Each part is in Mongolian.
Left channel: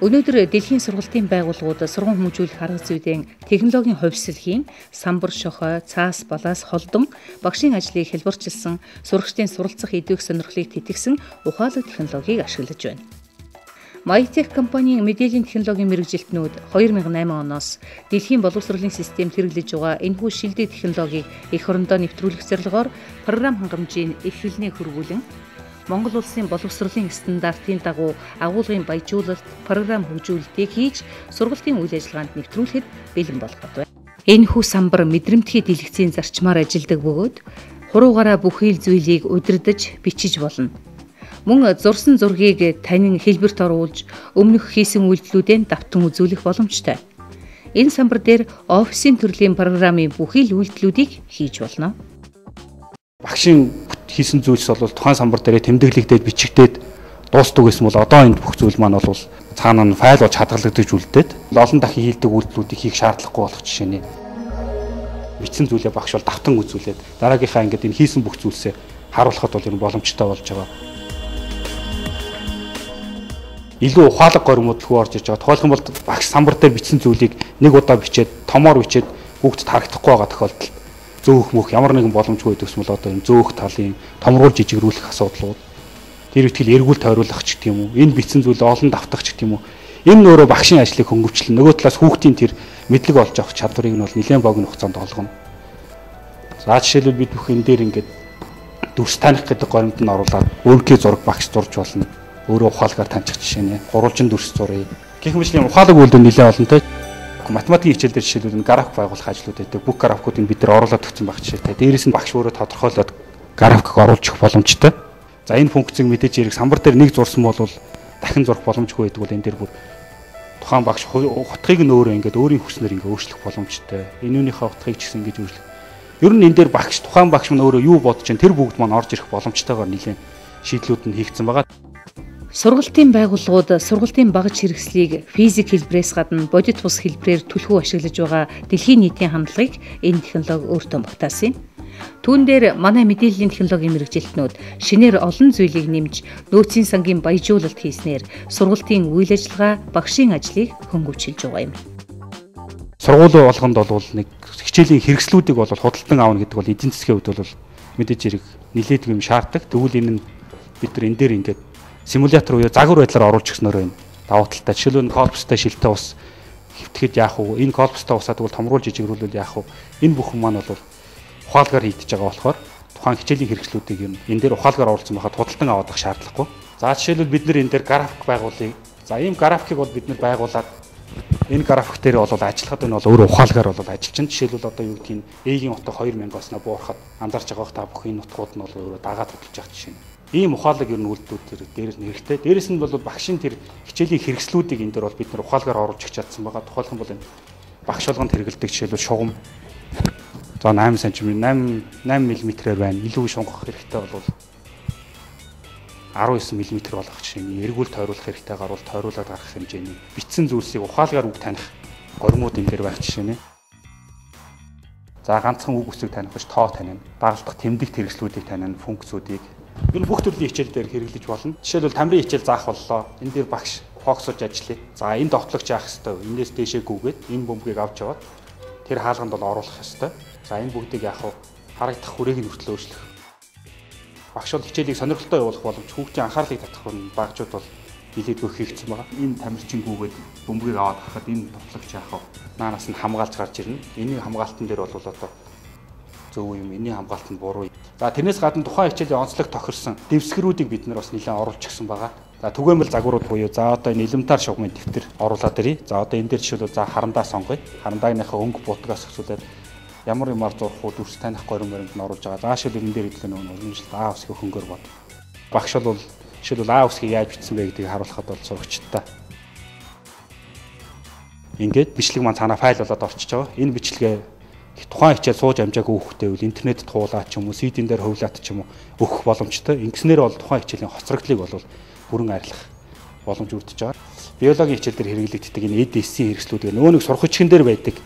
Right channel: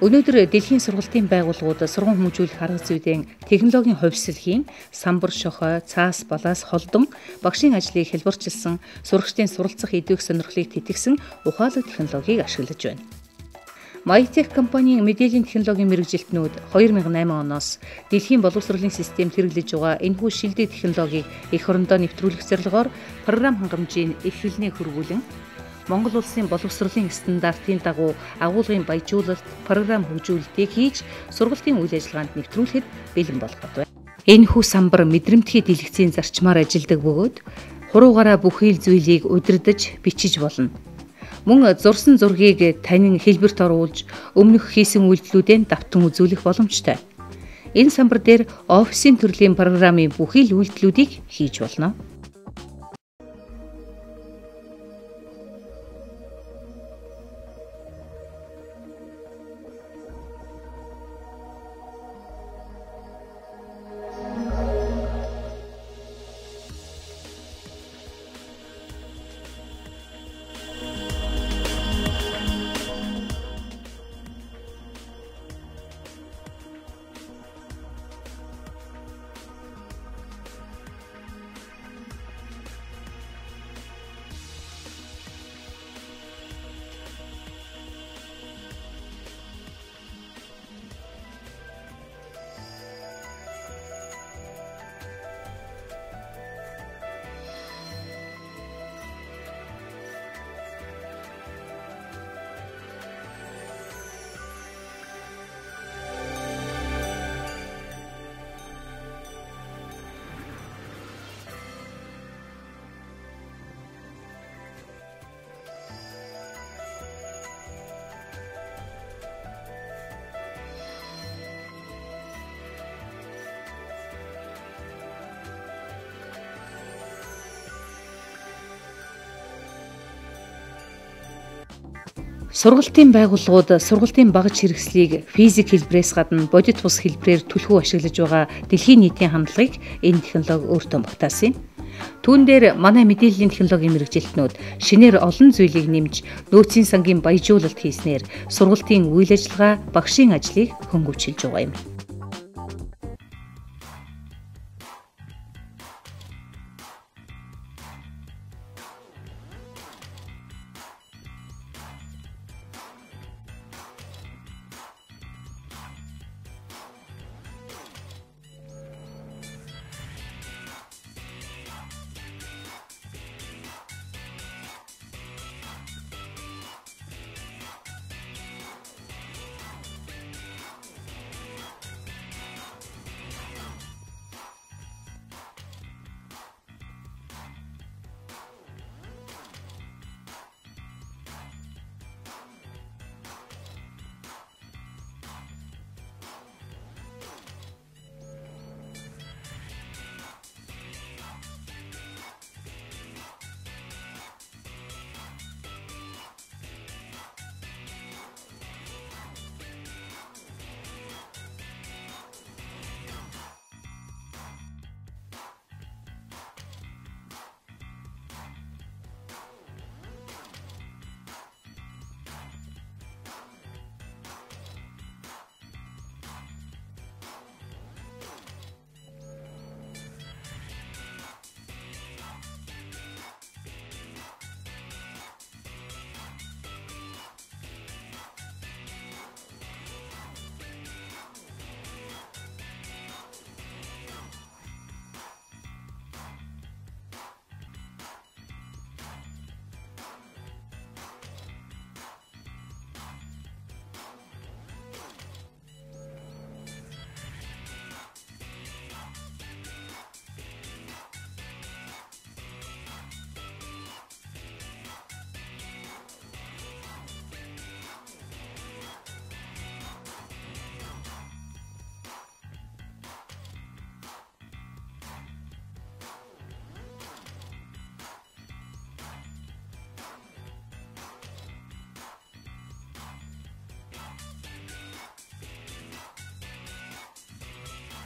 Өнөөдөр дэлхийн сургалтын байгууллагууд сургууль хүмүүжүүлэх арга зүйн технологийн хувьсэлхийн самбар шохой, цаас балаас холдон багшийн ажлыг хэлбэрчилсэн сурагчдын суралцах идэвх сонирхлыг тэтгсэн ухаалаг технологиг ашиглаж байна. Mytech компанийн мэдээллийн технологийн мэргэжилтнүүд 2008 оноос дэлхийн боловсролын системд хэрэглэж байгаа энэхүү шилдэг технологиг эх орондоо нэвтрүүлэх зорилгоор програм хангамжийг их хилнээ хөрвүүлэн Монгол улсын боловсролын стандартын дагуу агуулгын баяжуулалт, програм хөгжүүлэлтийг хийж сургалтын үйл ажиллагаанд нэвтрүүлэхэд бэлэн болгоод байна. Энэхүү самбар мэдрэмтгий дэлгэцийн зарчмаар ажилладаг бөгөөд хуруугаараа бүхий л зүйлийг удирдах, бичиж болно. Мөн зурсан зургийг танин хэлбэрт оруулж өмнөх хийсэн үйлдэлүүдээ давтан үзүүлэх боломжтой. Энэ самбар дээр офисын төрлийн програмын бүхий л үйлдэлүүдийг хийж болно. Багшийн хийсэн зүйлс бол тухайн самбар дээр тэмдэглэгдээд бичигдээд дуустдаг гэсэн бол одоо энэ бүх зүйл маань бол цаана нь файл болж хадгалагдаж үлдээд олон дахин хийдэг үйлдэлүүдийг хийх шаардлагагүй болох жишээ нь. Бичсэн зүйлээ багш бол давтан үзүүлээд дараагийнхаа ингээд энэ хийсэн бүх зүйлсээ харуулхад бол энэ боломжтой болж байгаа. Илүү ухаалаг горимудлгүй орж иж байгаа. Тухайлх юм бол багш самбар дээр бичсэн зүйлийг нэг удаа бичээд томоор бичээд бүгд харагдахгүй байгаа тохиолдолд зөөх мөх ямар нэгэн боломжгүй гэсэн бол одоо энэ зөөх талын томруулж жижигрүүлэх асуудал бол тэр ихтгэл эргүүл тойруулах ч гэх юм уу энэ бичсэн зүйлээ олон давтах ч гэх юм уу энэ өөрөө багшийн ажлыг хөнгөвчлөн нөгөө талаас хүүхдийн тэр мэдлэг олж авах чадварыг нь бол нэлээд богино хугацаанд олгоно. За жишээлбэл бид бүх энэ дээр ингээд дүрс таних гэдэг горимд нь оруулаад өөрийнхөө зураг багш зурж болно. Өөрөө ухаалгаар таньчих жишээ нэ гурвалжин дүрс зуръя. Гэх мэтлийн ухаалаг үйлдэл нэлээд олонтой. Математикийн хичээл дээр жишээлбэл энэ график байгуулах ажлууд байдаг. Бүх графикуудыг бид нар оруулаад өгсөн баг жишээтэй. Дээрээс нь багш өөрөө тодорхойлоод график оруулж өгөх боломжтой. За энэ функцийг мэдээж хэрэг самбар дээр нэг зурсан бол дахин зурх боломжгүй байдаг бол энэ дээр бүр тухайн багш утгыг нь өөрөө ингээд өөрийн хүснээр ингээд өөрчлөх боломжтой. Энүүнийхээ утгыг ч гэсэн ингэж өөрчлөх. Ер нь энэ дээр багш тухайн багш нь өөрөө юу бодож чинь тэр бүгд маань орж ирэх боломжтойгоор нэгэн шийдлүүд нь хийгдсэн байгаа. Сургалтын байгууллагууд сургалтын багаж хэрэгслийг физик хэлбэрээс гадна бодит бус хэлбэрээр түлхүү ашиглаж байгаа дэлхийн нийтийн хандлагыг энэ технологи өөртөө багтаасан юм. Түүн дээр манай мэдээллийн технологийн мэргэжилтнүүд шинээр олон зүйлийг нэмж нөөцийн сангийн баяжуулалт хийснээр сургалтын үйл ажиллагаа багшийн ажлыг хөнгөвчилж байгаа юм. Сургуулийн болгонд бол нэг хичээлийн хэрэгслүүдийг бол худалдан аавна гэдэг бол эдийн засгийн хувьд бол мэдээж хэрэг нэлээд юм шаарддаг. Тэгвэл энэ нь бид нар энэ дээр ингээд симулятор буюу загвар байдлаар оруулж гиснээр байна. Давуу талтай. Жишээлбэл колбстой шилтэй ус хэвтгэхэд яах вэ? Энэ колбстой усаа тэгвэл томруулж жижигрүүлвэл яах вэ? Энэ бүхэн маань бол ухаалгаар хийгдэж байгаа болохоор тухайн хичээлийн хэрэгслүүдийг энэ дээр ухаалгаар оруулсан байхад худалдан авах шаардлагагүй. За жишээлбэл бид нэр энэ дээр график байгуулъя. За ийм графикийг бол бид нэр байгуулад энэ график дээр бол ажиллахад энэ бол өөр ухаалгаар бол ажиллаж байна. Жишээлбэл одоо юу гэдгийг A-ийн утга 2000-аас нь буурахад анзаарч байгаа та бүх энэ утгууд нь бол өөрөө дагаад хөтлөж байгаа жишээ. Ийм ухаалаг ер нь үйлдэлүүд дээрээс нь хэрэгтэй. Дээрээс нь бол багшийн тэр хичээлийн хэрэгслүүдийг энэ дээр бол бид нар ухаалгаар оруулж чадсан байгаа. Тухайлх юм бол энэ багш болгонд хэрэгэлдэг жишээлбэл шугам. За 8 см 8 мм-ээр байна. Илүү шунгах хэрэгтэй бол 19 мм болгох жишээ нь эргүүл тойруулах хэрэгтэйгээр бол тойруулаад гарах хэмжээний бичсэн зүйлсийг ухаалгаар үг таних горимууд энэ дээр байх жишээ нэ. За ганцхан үг үсэг таних биш тоо таних, дагалдах тэмдэгт хэрэгслүүдийг таних, функцүүдийг энэ бүх төрлийн хичээл дээр хэрэглэж болно. Жишээлбэл тамирын хичээл заах боллоо. Энэ дээр багш фокусж ажиллая. За энэ довтлогч яах хэвээр. Энээс дэшээ гүгээд энэ бөмбөгийг авч яваад тэр хаалганд бол оруулах хэвээр. За энэ бүгдийг яах вэ? Харагдах хүрээг нь хүртэл өөрчлөх. Багш бол хичээлийг сонирхолтой явуулах боломж, хүүхдийн анхаарлыг татах нь багжууд бол нэлээдгүй хийгдсэн байгаа. Энэ тамирчин гүгээд бөмбөгийг аваад хахад энэ довтлогч яах вэ? Наанаас нь хамгаалж гарч ирнэ. Энийн хамгаалтан дээр бол одоо зөв юм, энэний хамгаалт нь буруу. За тэрнээс гадна тухайн хичээлийн онцлог тохирсон дэвсгэрүүдийг бид нар бас нэлээд оруулж гисэн байгаа. За түгээмэл загварууд буюу за одоо энэ элементар шугамын дэвтэр оруулаад ирье. За одоо энэ дээр жишээлбэл за харандаа сонгоё. Харандааныхаа өнгө бутгаас асуулаад ямар юмар зурх уу дүрс таних горимд нь оруулж байгаа. За жишээлбэл энэ дээр хэлдэг нэг А усгийн хөнгөөр бод. Багш бол жишээлбэл А усгийг яаж бичсэн бэ гэдгийг харуулхад бол сурагчтай. Ингээд бичлэг маань цаанаа файл болоод орчиж байгаа. Энэ бичлэгээ тухайн хичээл сууж амжаагүй хүүхдээ бол интернет туулаад ч юм уу CD-н дээр хөвлөөд ч юм уу өгөх боломжтой. Ингэснээр бол тухайн хичээлийн хоцрогдлыг бол бүрэн арилгах боломж үүдэж байгаа. Биологийн хичээл дээр хэрэглэгддэг энэ EDC хэрэгслүүд нөгөө нэг сурах хүчин дээр байдаг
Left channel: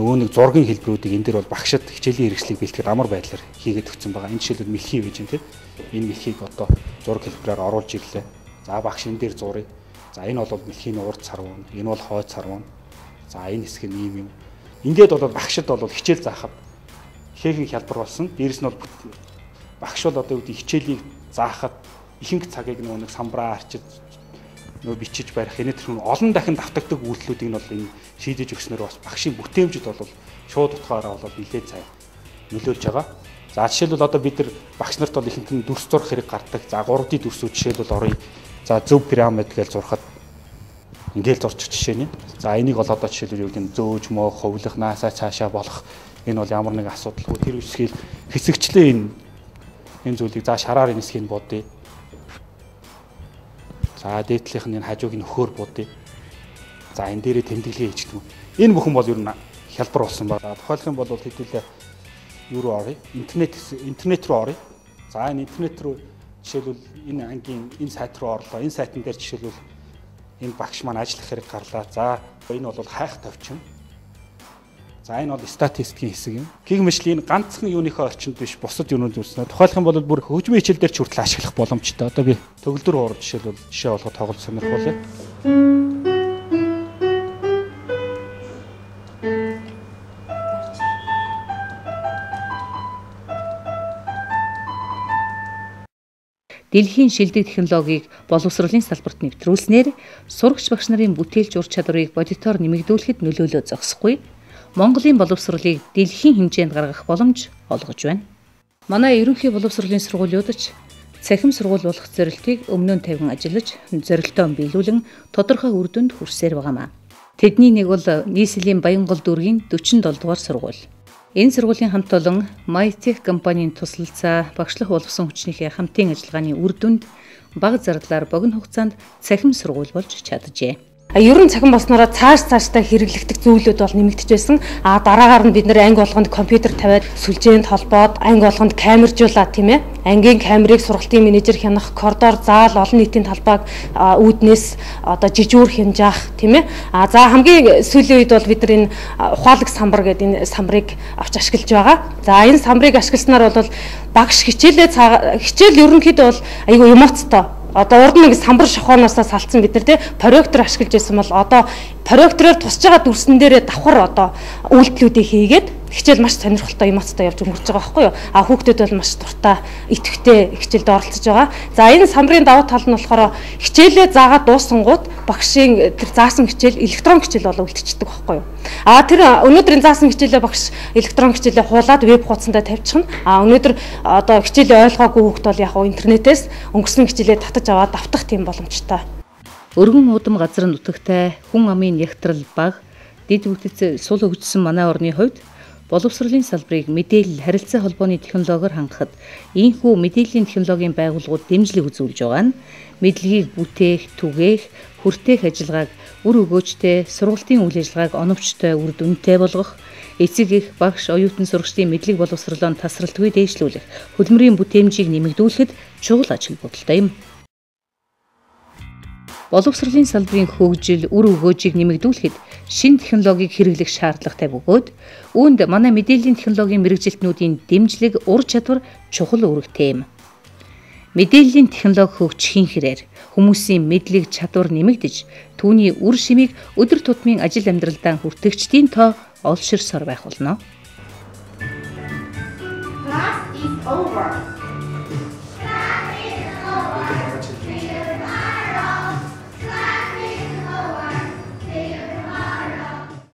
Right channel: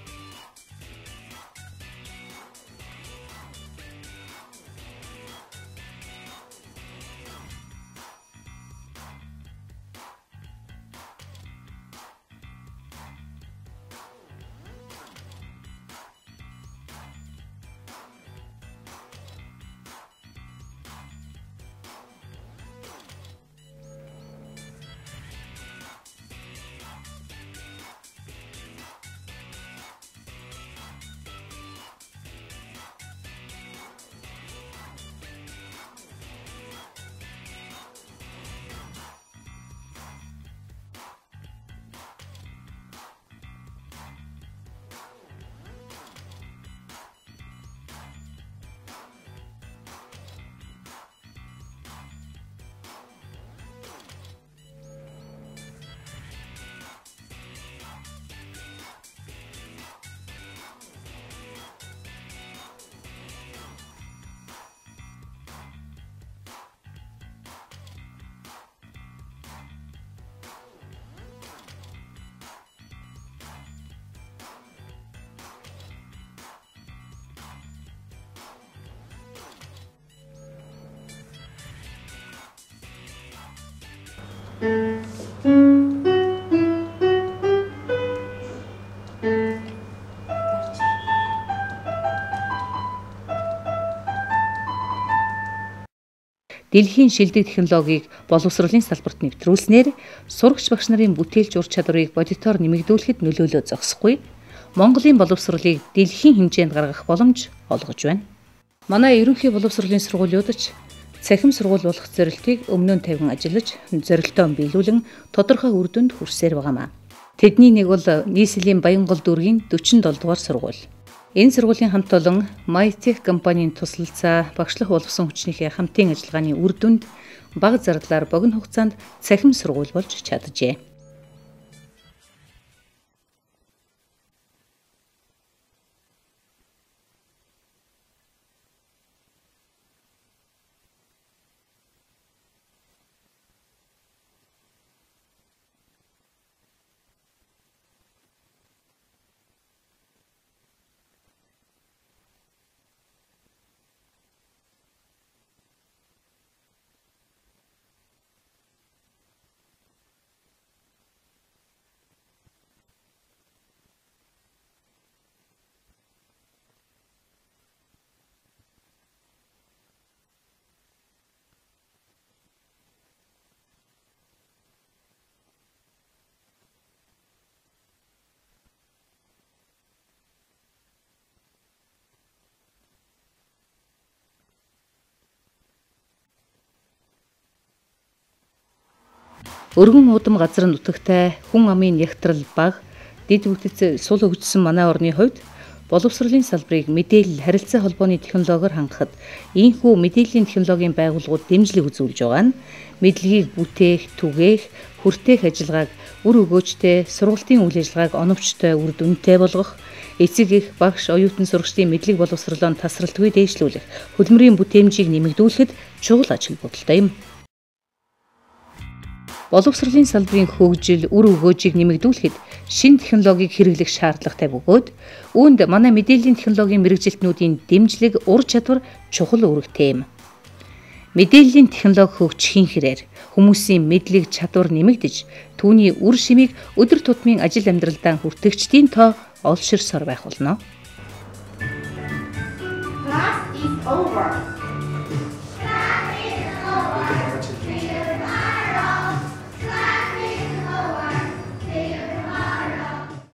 нөгөө нэг зургийн хэлбэрүүдийг энэ дээр бол багшид хичээлийн хэрэгслийг бэлтгэхэд амар байдлаар хийгээд өгсөн байгаа. Энэ жишээлбэл мэлхий гэж юм тийм. Энэ мэлхийг одоо зураг хэлбэрээр оруулж ирлээ. За багш энэ дээр зуръя. За энэ бол дэлхийн урд сарван, энэ бол хойд сарван. За энэ хэсэг нь ийм юм. Ингээд бол багшд бол хичээл заахад ихээхэн хялбар болсон. Дээрэс нь бол багш бол одоо үүдээ хичээлийг заахад ихэнх цагийг нэг самбраа арчиж бичиж барих энэ төрлийн олон дахин давтагддаг үйлдэлүүдийг нь бол энэ шийдэж өгснөөр бас багшийн бүтээмжид бол шууд утгаараа бол нэлээд сайн нөлөөлж байгаа. За жишээлбэл одоо бид нар багш нарт бол ихэнх нь дүрс зурх хэрэг гардаг. За 3D дүрсүүд жишээлбэл оръё. За зөв пирамид гэж зурхад ингээл зурчих жишээ нь. За энийг бол одоо жишээлбэл юу гэдэг нь зөөж мөө ховлох наасаа цаашаа болох энэ бол ямар нэг асуудал. Тэр үсгийг хэсэгчлээ энэ зүйлийг за шараар энэсгийг бодъё. За дээдлийнх нь энэ хажууг нь өхөөр бодъё. За энэ дээрээ тэмдэглэе гэж гэнэ. Энэ бүхэн бол ер нь хялбар болсон байна. Тухайлх юм бол хэдүүлээ юу руу оръё? Интернет руу оръё. За энэ интернет руу жишээлбэл энэ ангийн энэ сайт руу орлоо. Энэ сайтн дээр жишээлбэл энэ багш маань ажиллах хэрэг гарлаа. За энэ бол хайх товчхон. За энэ бол статистикийн хэсэг юм. Гэг мэтлийг ганцхан юуныхаа орчинд биш бусад юунууд үүснэ. Тухайлх юм бол бүр хөгжмийн хичээл дээр ч хүртэл ашиглах боломжтой. Одоо би төгөлдөр урд жишээ болгоод тоглох сонирхолтой. Дэлхийн шилдэг технологиг боловсролын салбарт нэвтрүүлснээр сурагч багш нарын бүтээлч ур чадварыг бодитоор нэмэгдүүлэхэд нөлөөлөө зогсохгүй. Монголын боловсролыг дэлхийн хэмжээнд гаргах боломж олгож байна. Манай ерөнхий боловсролын сургуулиуд ч цахим сургууль болох зорилтыг өмнө нь тавин ажиллаж, зорилтоо биелүүлэн тодорхой үр дүнд хүрсээр байгаамаа. Тэдний нэг бол нийслэлийн Баянгол дүүргийн 47 дугаар сургууль. Энэ сургуулийн хамт олон MyTech компанийн туслалцаа багшлах боловсон хүчнийхээ хамтын ажиллагааны үр дүнд бага зардлаар богино хугацаанд цахим сургууль болж чаджээ. Ер нь цахим болсноороо цаашдаа хэрэглэгдэх зүйлүүд бол нэмэгдэж байсан. Дараагаар нь бид нэр анги болгонд компьютер тавиад сүлжээнд холбоод анги болгонд камержуулаад тийм ээ. Ангийн камерыг сургалтын менежер хянах, коридор, заал, олон нийтийн талбайг үүднээс одоо жижүүр хянжаах тийм ээ. За хамгийн сүүлийн үед бол бид нар энэ ухаалаг самбар гэдэг энэ самбарыг авч ашиглаж байгаа. За энэ самбарыг ашигласнаар бол багш хичээл ерөнхийдөө бол айгүй эмоцтой. Одоо урд нэг самбар шохооноосоо салцсан бид нар тий проектор ашиглаж байсан бол одоо проектороор тусч байгаа дүрсэн дээрээ давхар одоо үйлдэлүүдийг хийгээд хичээл маш сонирхолтой эмоцтой явж өнгөрч байгаа байхгүй юу. Хүүхдүүд бол маш дуртай, идэвхтэй хичээлд оролцож байгаа. За энэ самбарын давуу тал нь болохоор хичээлээ заагаад дуусангууд багшийн тэр заасан хичээл электрон хичээл болоо үлдчихдэг байхгүй юу. Тэр өнөөдрийн заасан хичээлээ багш электрон хичээлээ хуулаад веб хуудсандаа тавьчихна. Өнөөдөр одоо хичээлээ ойлгоогүй хүүхд бол яг интернетээс өнгөрсөн хичээлээ татаж аваад давтах тийм боломжтой. Өргөн удам газар нутагтай хүн амын ягтрал бага дэд бүтц сул хөгжсөн манай орны хувьд боловсролын салбарыг мэдээлэл харилцаа холбооны технологиор хангахад ийхүү мэдээллийн технологийн байгууллагууд дэмжлэг үзүүлж байгаа нь мэдлэгийг бүтээх, түгээх, хүртээх ажиллагааг үр өгөөжтэй, сургалтын үйл ажиллагааг оновчтой, үр дүнтэй болгох, эцэг их багш, оюутан сурагчдын мэдлэг боловсролоо тасралтгүй дээшлүүлэх, хөдөлмөрийн бүтээмжийг нэмэгдүүлэхэд чухал ажил будалтай юм. Боловсролын салбарын хөгжил, үр өгөөжийг нэмэгдүүлэхэд шинэ технологиг хэрэглэх шаардлагатай бөгөөд үүнд манай мэдээллийн технологийн мэргэжилтнүүдийн дэмжлэг, ур чадвар чухал үүрэгтэй юм. Мэдээллийн технологи хөгжихийн хэрээр хүмүүсийн мэдлэг чадвар нэмэгдэж, түүний үр шимийг өдөр тутмын ажил амьдралдаа хүртэгчдийн тоо олширсоор байх болно. Class is over.